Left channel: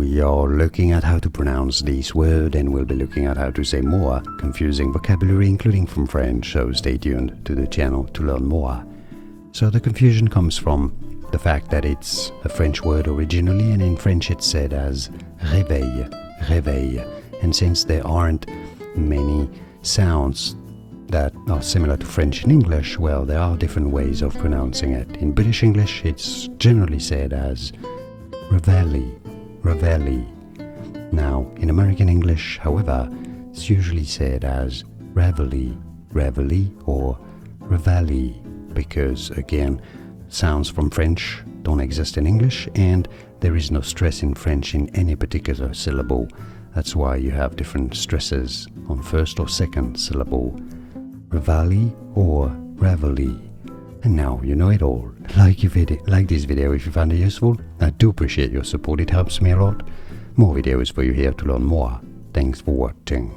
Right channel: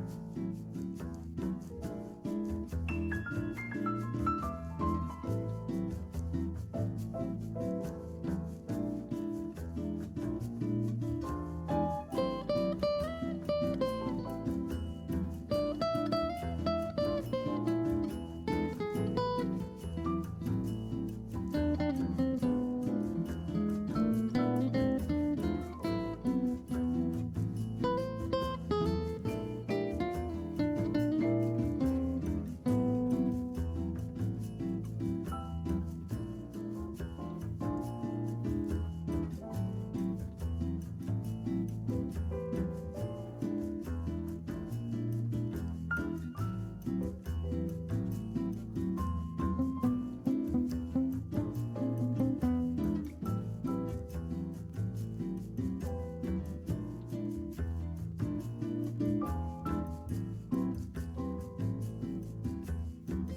we are looking at how to pronounce this word, and we'll be looking at how to say more confusing vocabulary, including from French, so stay tuned to the channel to learn more. So the confusion comes from the fact that it's a French word originally, and in French it's said as réveille, réveille. And since there aren't many sounds that are similar to French and English, well, there are different ways of pronouncing it. In British English, it's generally said as Reveille, Reveille. Now, in American English, however, it's usually said as Reveille, Reveille, or Reveille, because, again, sounds from French don't exist in English, and there is no stress in French in any particular syllable. That's why you have different stresses on first or second syllable. Reveille or Reveille. And now you know it all. Like this video if you found it useful. I do appreciate your support, it helps me a lot. More videos for you here to learn more. Thanks for watching.